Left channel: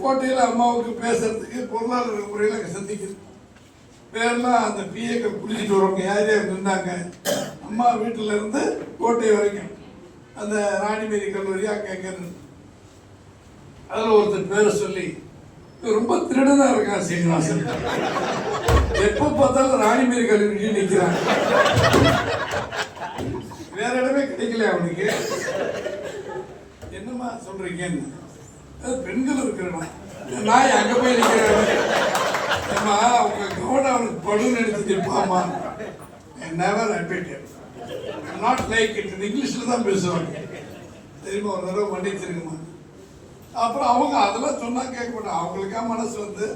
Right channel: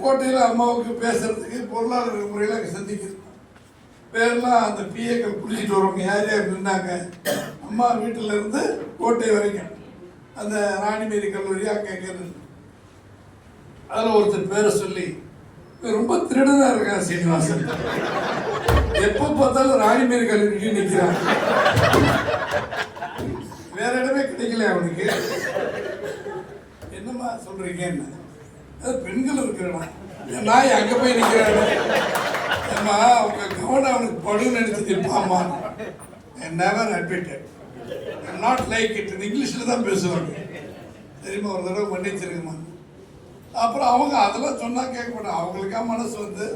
கோட்டையில் அம்மாவுக்கு பேசுறதுக்கு பொருளாதார முறையில் சந்திக்குது. பேரெல்லாம் அந்த பிஏக்கள் குளிச்சுட்டு வருவாங்க யார் யார் நின்றாங்க? அம்மா வீட்டில் இருந்து கோட்டை வரைக்கும். அந்த ராணிமேரி கல்லூரி அங்கே அங்கே அதில் ஒருத்தர் பேரை சொல்லி ரொம்ப திருடனாக இருக்கான் சீனிவாசன். எப்போ பார்த்தாலும் ராணிமேரி கல்லூரிக்கு நிற்கிறான் வேற இடமே கிடைக்கல அவனுக்கு. என்னம்மா சொல்கிறீங்கன்னு பெண்கள் இருக்கிறனா நான் அங்கே போய் நிற்கிறேன் ஏம்மா அவங்க கவனம் அவனுக்கு படுன்னு எடுத்து நிற்பாமா never admitted not like it இங்கிலீஷில் தான் பேசுவாங்க. தெரியுமா ஒரு தடவை மன்னிச்சிருங்கம்மா. அப்புறம் அவங்க அதெல்லாம் சொன்னால் கேட்க மாட்டாங்க. அவங்களுக்கா மனசு வந்து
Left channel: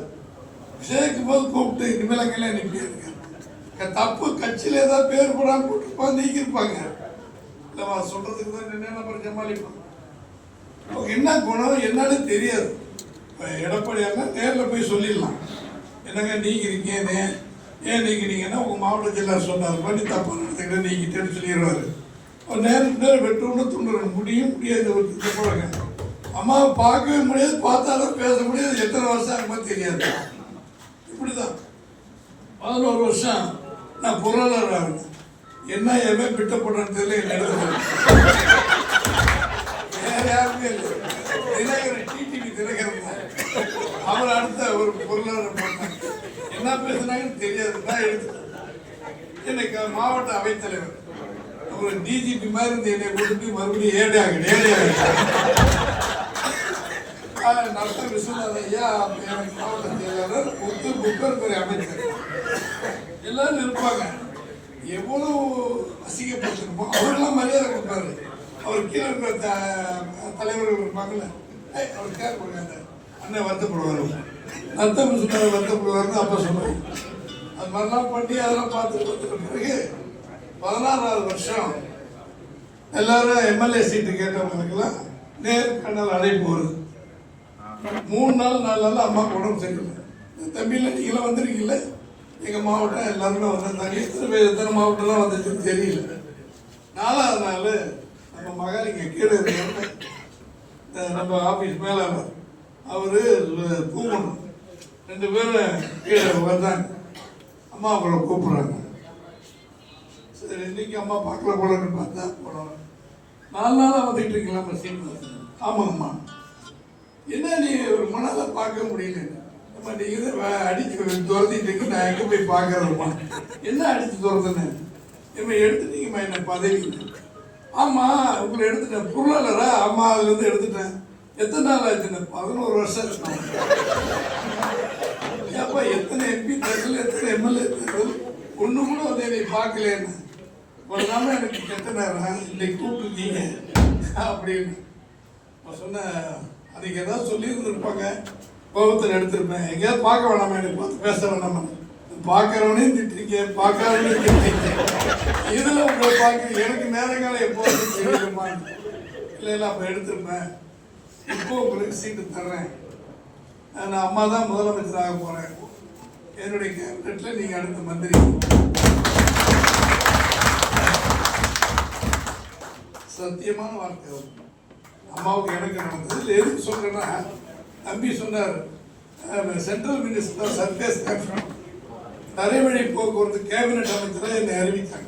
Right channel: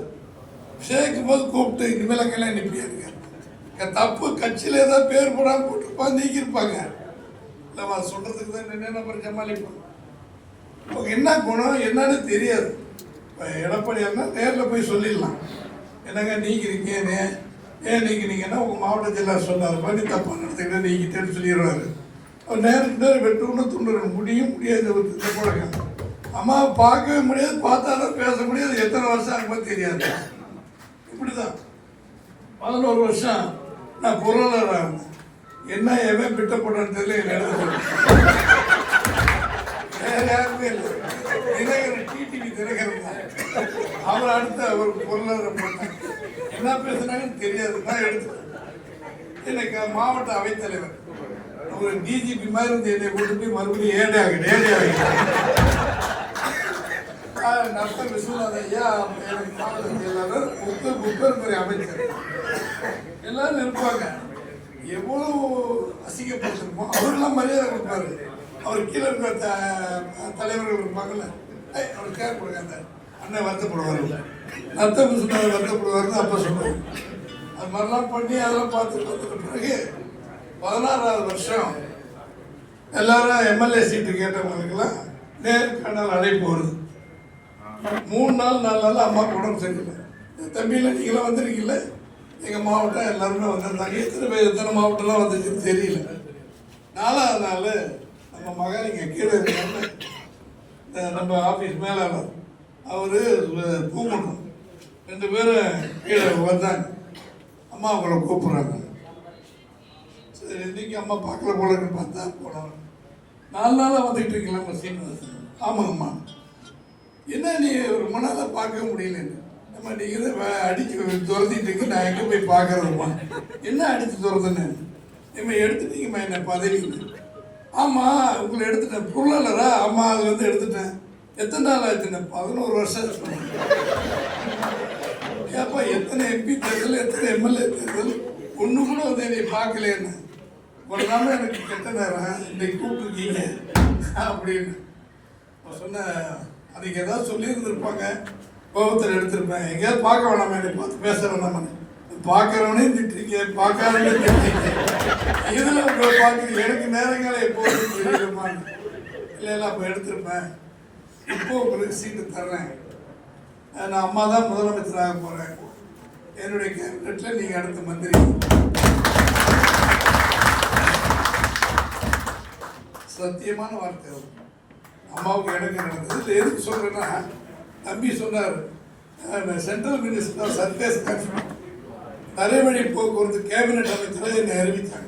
சேர்க்கும் போது கூப்பிட்டு இனிமேல் அங்கெல்லாம் நிற்பியாருங்க தப்பு கட்சியில் ஏதாவது பேர் போடாமல் போட்டிருப்பாங்க நீக்கியிருப்பாங்க. இல்லைம்மா சொல்கிறதுக்கு தான் நின்று அப்புறம் ஜமாளிப்பாங்க என்ன குணம் என்னன்னு தெரியாது. இப்போ எடப்பாடியார்னா நேரில் போய் சொல்லிடலாம். என்னங்க நீக்கிறீங்க ஏன் ஏன் நீக்கிறீங்கன்னா உங்கள் மாவட்ட ஜில்லா சொன்னார். பண்ணி தப்பாக நடத்துக்கிட்ட நீக்கிட்டேன்னு சொல்லிடுவாரு. ஒரு நேரம் நேரம் வெட்டுன்னு துண்டுற முடியும் முடியாது. ஒரு இந்த பழக்கம் அம்மாவை பார்க்கவே முடியாது பார்த்தாலும் பேச முடியாது. எத்தனை வருஷம் ஆகும்போது தெரியாது. இப்படி தான் பதினோரு வருஷம் நான் பொருளாதாரம் இருந்தேன். என்ன எவன் பிட்ட போடுறேன்னு தெரியல என் வேற யாருமே இல்லை தினகரன் டிடிவி தினகரன் தான் அவர் அடுத்த ஒரு பொருளாதாரம் போட்டாங்க என்ன பேசுனாங்கன்னு தெரியாது தான் எடுத்து எனக்கு மாவட்ட அவைத்தலைவர் அவர் டிஜிபி மாதிரி இருந்து என்னை கொண்டு போய் மறுபடியும் ஏடாக ஏடையாக நத்த விஸ்வநாத ஐயா எனக்கு மாவட்ட செயலாளர் முத்து பிப்பர்துறை அமைச்சர் எல்லாரும் இருப்பாங்க எவ்வளவு அசிங்கப்பட்டிருப்போம் அவரெல்லாம் மரியாதை கொடுப்பாரு அவர் கீழே இருக்கிற த- தலைவர்கள் இருப்பாங்கல்ல ஏய், அவர் கேர் கொடுங்க அண்ணன் வருத்தப்படுவார். நத்த சொன்னார் வருத்தப்படுவார்னு அப்போ சொன்னாங்க அது மாதிரிலாம் பண்ணி அதெல்லாம் பார்த்துட்டு பிறகு பதினாறாவது வருஷம் எல்லாரும் எம்எல்ஏ சீட்டு கேட்டவங்களுக்கெல்லாம் நேர்காணல் அழைப்பு வருது. மூணு நாள் நாலு நாள் அம்மா உடம்பு சரியில்லை. தம்பியில் நீங்களாம் வந்திருக்கீங்கள எங்கள் மாவட்டம் எல்லாருமே வந்திருந்தாங்க. எத்தனை பேர் எத்தனை மாவட்டம்லாம் வந்துச்சுன்னு தெரியல. நாலாவது நாள் மகன் இங்கே கீழே இருக்காங்க நம்ம ஆஃபீஸ் மேலே அவர். கூப்பிடணும் ரெண்டு பேரும் கீழே வந்தாங்க அம்மா அவங்கள கூப்பிட்றாங்க. சரி இன்னைக்கு அம்மா பார்க்கல போலன்னு பார்த்தா போனோம். நாலு நாளாக வந்துட்டு இருக்கீங்களா சீனிவாசன் ஆமாங்கம்மா. என்ன நீ ஒரு மணால பார்க்க முடியல நம்ம நீங்கள் தான் அடித்து துரத்திட்டு இருக்கு நான் எங்கே போய் பார்க்கறதுமா என்ன அடித்து துரத்துன்னு நம்ம எடுத்துட்டீங்கம்மா என்ன பதவி ஆமாம் உங்களை எடுத்துட்டேன். பொருளாளரா? ஆமாம் அது வந்து எடுத்துட்டேன். எத்தனை நாள் ஆச்சுன்னு பதினோரு வருஷம்? இருக்கணும் ஏப்பா எத்தனை எம்பி தேர்தல் எத்தனை எம்எல்ஏ தேர்தல் ஒன்று கூட வந்து என்னை பார்க்கலன்னு உடனே எனக்கு கெட்ட நேரம். இன்னைக்கு கூப்பிட்டுருக்கீங்க. அப்படின்னு. நான் சொன்னேன் அதுக்கு ஏதாவது சொல்லியிருந்துருப்பாங்க. கோபத்தில் எடுத்திருப்பேன். எங்கேயாவது பார்க்க வேணாமா என்னை பார்த்து பேச வேணாமா பார்க்குறவனே திட்டுறீங்க பார்க்காதவனே திட்டுறீங்க. இதில் உங்களை பார்க்க எனக்கு நேரங்காலம் எப்போது தெரியுமா? இல்லை இல்லை அப்போ எடுத்துருப்பேன். இப்போ உங்களுக்கு சீட்டு தர்றேன். நான் அம்மா தான் முதலமைச்சராக போகிறேன் என்னுடைய கேபினெட்டில் நீங்கள் அடுத்த மந்திரி. சத்தியமான வார்த்தை அம்மாவுக்கு எனக்கு நடந்தது. இல்லை எதுக்கு சொல்கிறேன்னா தம்பி சொன்னார் சென்ட்ரல் மினிஸ்டர் சர்க்கஸ் தரைவழி போக்குவரத்து கேபினெட் அமைச்சராக என்னை அறிவித்தாங்க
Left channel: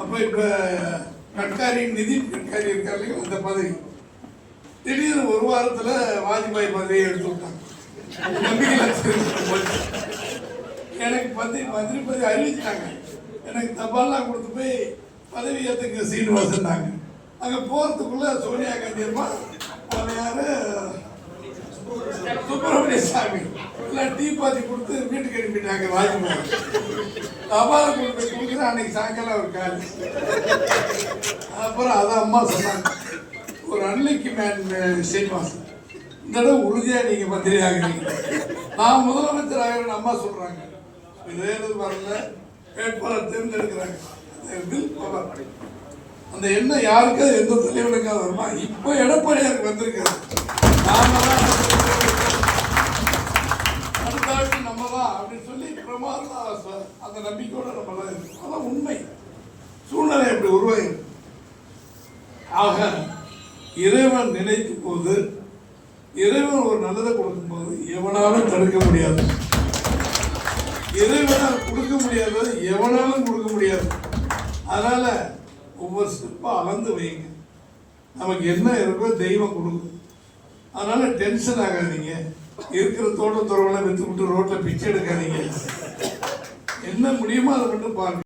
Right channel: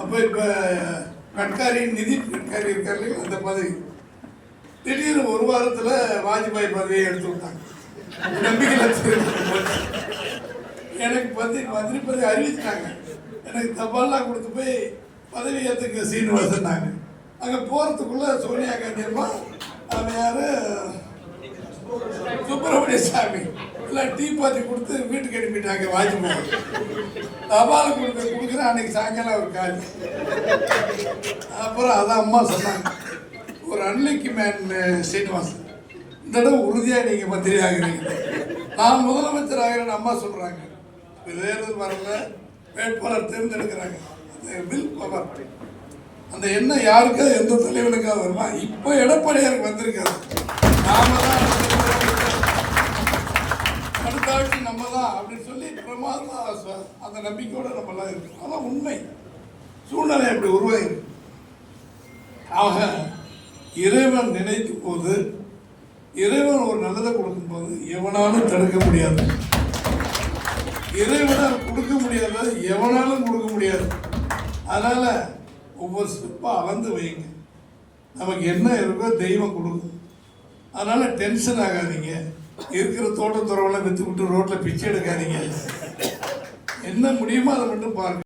அப்போ இப்போ கட்காரி நிதின் கட்காரி இருக்காரு அந்த பதவி. திடீர்னு ஒரு வாரத்தில் வாஜ்பாய் பதவியை எடுத்து விட்டாங்க. நம்பிக்கையில் எனக்கு பதவி மந்திரி பதவி அறிவிச்சிட்டாங்க. எனக்கு தபால்லாம் கொடுத்து போய் பதவி ஏற்றுக்க சீனிவாசன்னாங்க அங்கே போகிறதுக்குள்ளே சோனியா காந்தி அம்மா அவன் சுப்பிரமணிய சாமி. எல்லாம் டீ பாத்தி கொடுத்து வீட்டுக்கு அனுப்பிட்டாங்க வாஜ்பாய் தபால் கொடுத்து கொடுக்குற அன்னைக்கு சாயங்காலம் ஒரு காலி. அப்புறம் அதான் அம்மா சொன்னாங்க ஒரு அன்னைக்கு மேன் சீனிவாசன் இந்த தடவை உறுதியாக நீங்கள் மந்திரி ஆகிறீங்க நான் முதலமைச்சர் ஆகிறேன்னு அம்மா சொல்கிறாங்க தேர்தல் வரல. வேட்பாளர் தேர்ந்தெடுக்கிறாங்க. அந்த பில் பவர் அந்த எண்ணம் யாருக்காவது எந்த தலைவனுக்காக வருமா? இப்போ எடப்பாடியாருக்கு வந்திருக்காரு நாம தான் அப்படின்னு சொல்லி பிரமாதம் அந்த நம்பிக்கையோட நம்ம எல்லாம் இருக்கோம். அதான் உண்மை. சூழ்நிலை அப்படி உருவாயிருக்கு ஆக இறைவன் நினைக்கும் போது இறைவன் ஒரு நல்லதை கொடுக்கும்போது எவனாலும் தடுக்க முடியாது. இறைவனால் கொடுக்க முடியாத எவனாலும் கொடுக்க முடியாது. அதனால ஒவ்வொரு ஸ்டெப்பாக அளந்து வைங்க. நமக்கு என்ன இருக்கோ தெய்வம் கொடுக்கும். அதனால டென்ஷன் ஆகாதீங்க. இருக்கிற தோட்டத்துறவெல்லாம் வித்து விட்டு ரோட்டில் பிச்சை எடுக்காதீங்க. என்ன முடியுமோ அதை மட்டும் பாருங்க.